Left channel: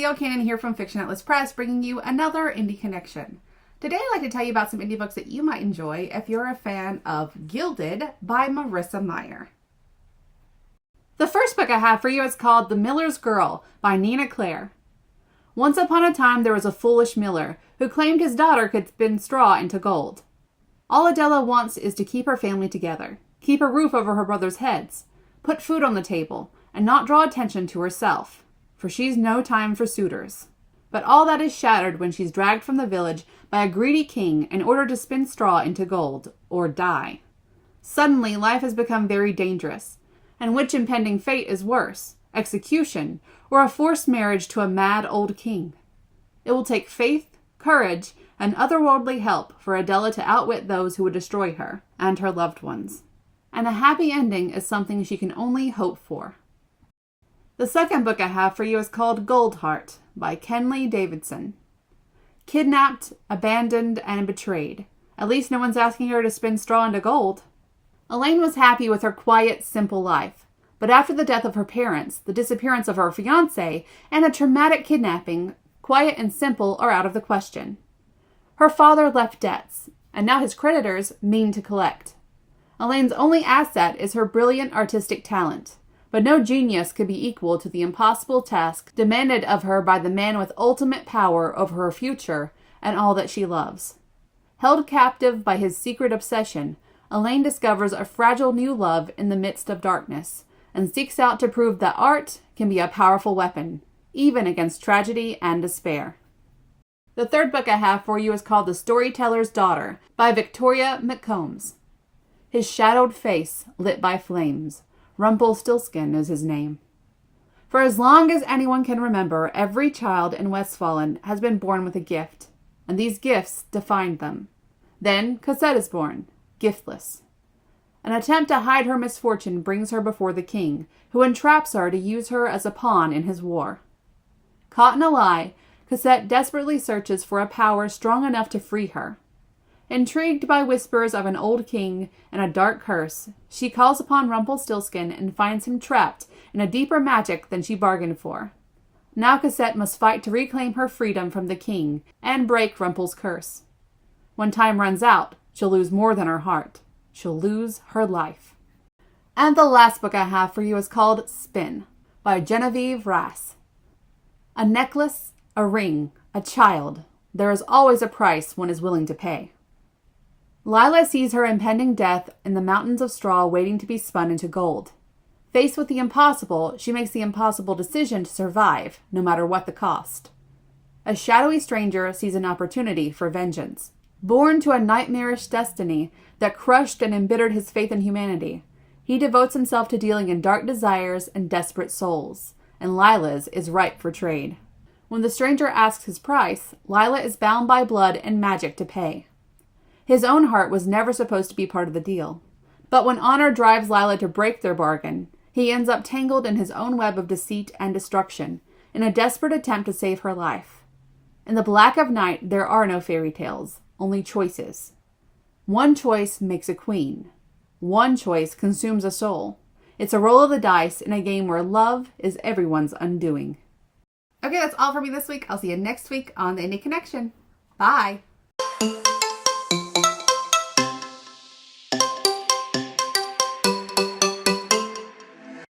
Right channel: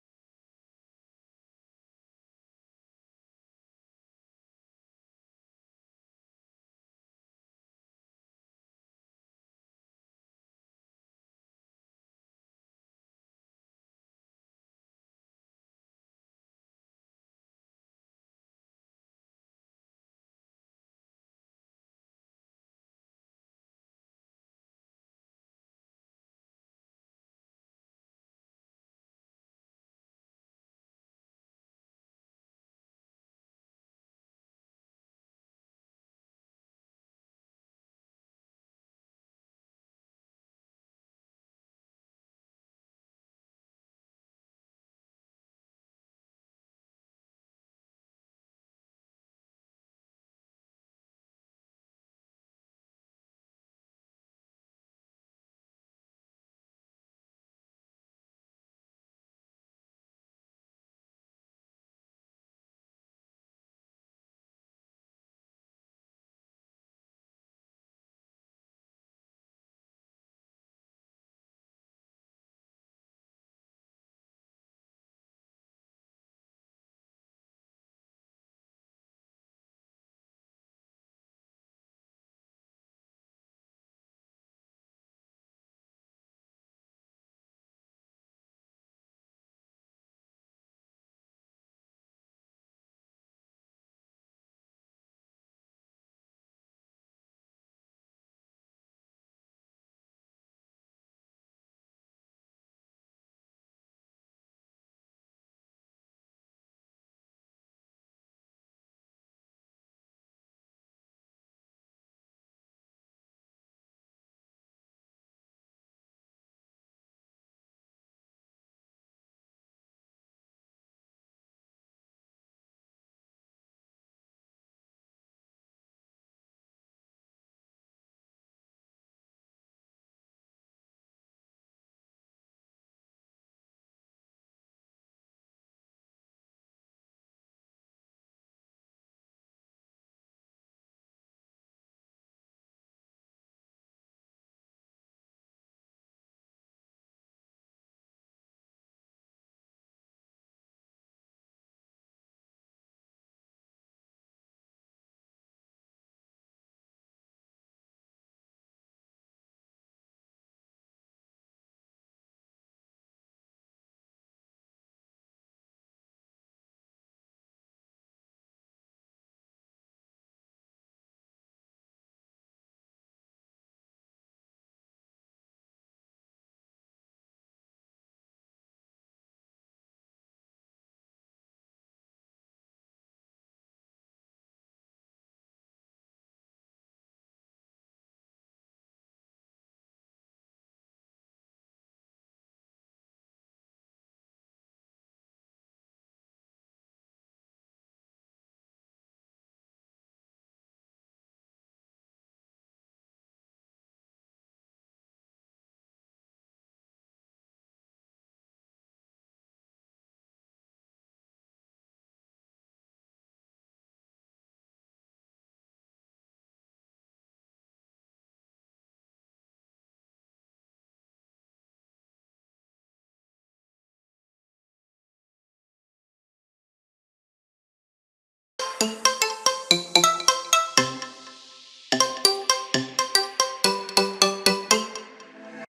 C.O. Cannon here from Fiction Atlas Press, bringing you another Indie Connection. Today I'd like to tell you about some indie books that you might enjoy if you're a fan of Gilded by Marissa Meyer. The first book I have for you is called The Miller's Girl by Nina Claire. Once upon a time there was a foolish miller who claimed his daughter could spin straw into gold. All Adela wants is to keep her family together, keep a roof over her brothers' heads, put food on the table, and not draw attention to herself, for she's no time for suitors. But all that is shattered when she's dragged from the village by a greedy king in order to spin straw into gold, or die. Suddenly life has become very dangerous, and which impending fate is worse, execution, or a forced marriage to a mad old king? It will take faith, courage, and otherworldly help for Adela to outwit those who would destroy her and her loved ones. And a happy ending is something she can only hope for. The second book I have for you is called Goldheart by Kenley Davidson. Kidnapped, abandoned, and betrayed. At least no one's asking her to spin straw into gold. Elaine was happy with her quiet, simple life. But after the death of her parents, the disappearance of her fiancé, and a traumatic kidnapping, quiet and simple are out of the question. Her father left debts, and now his creditors mean to collect. Elaine's only asset is her brilliant artistic talent. But no genius could be equal to the impossible task demanded of her by the man with ultimate power over her future and all that she loves. Held captive by his secret obsession, Elaine discovers a fragile new love in the midst of darkness, and seeks out to prove that art can be a powerful weapon, even against tragedy and despair. The third book I have for you is called The Storyteller's Daughter by Victoria McCombs. His shadowed face lit by flames. Rumpelstiltskin is his name. For as long as anyone can remember, every child in Westfalen has been born with a gift, and these gifts defined them. Then Cosette is born, giftless. An attempt to hide her misfortune brings her before the king, who entraps her to use her as a pawn in his war. Caught in a lie, Cosette desperately searches for a power strong enough to free her. Intrigued by whispers of an old king and a dark curse, she calls upon Rumpelstiltskin and finds him trapped in a deeper magic than she bargained for. Now Cosette must fight to reclaim her freedom from the king and break Rumpel's curse. When time runs out, she'll lose more than her heart. She'll lose her life. And the last book I have for you is called Spin by Genevieve Rass. A necklace, a ring, a child. There is always a price one is willing to pay. Lila sees her impending death in the mountains of straw waiting to be spun into gold. Faced with the impossible, she makes the impossible decision to survive, no matter what the cost. A shadowy stranger sees an opportunity for vengeance. Born to a nightmarish destiny that crushed and embittered his faith in humanity, he devotes himself to dealing in dark desires and desperate souls, and Lila's is ripe for trade. When the stranger asks his price, Lila is bound by blood and magic to pay. His own heart was never supposed to be part of the deal. But when honor drives Lila to break their bargain, he ends up tangled in his own web of deceit and destruction, in a desperate attempt to save her life. In the black of night, there are no fairy tales, only choices. One choice makes a queen. One choice consumes a soul. It's a roll of the dice in a game where love is everyone's undoing. Okay, that's all for me this week. I'll see you next week on The Indie Connection. Bye!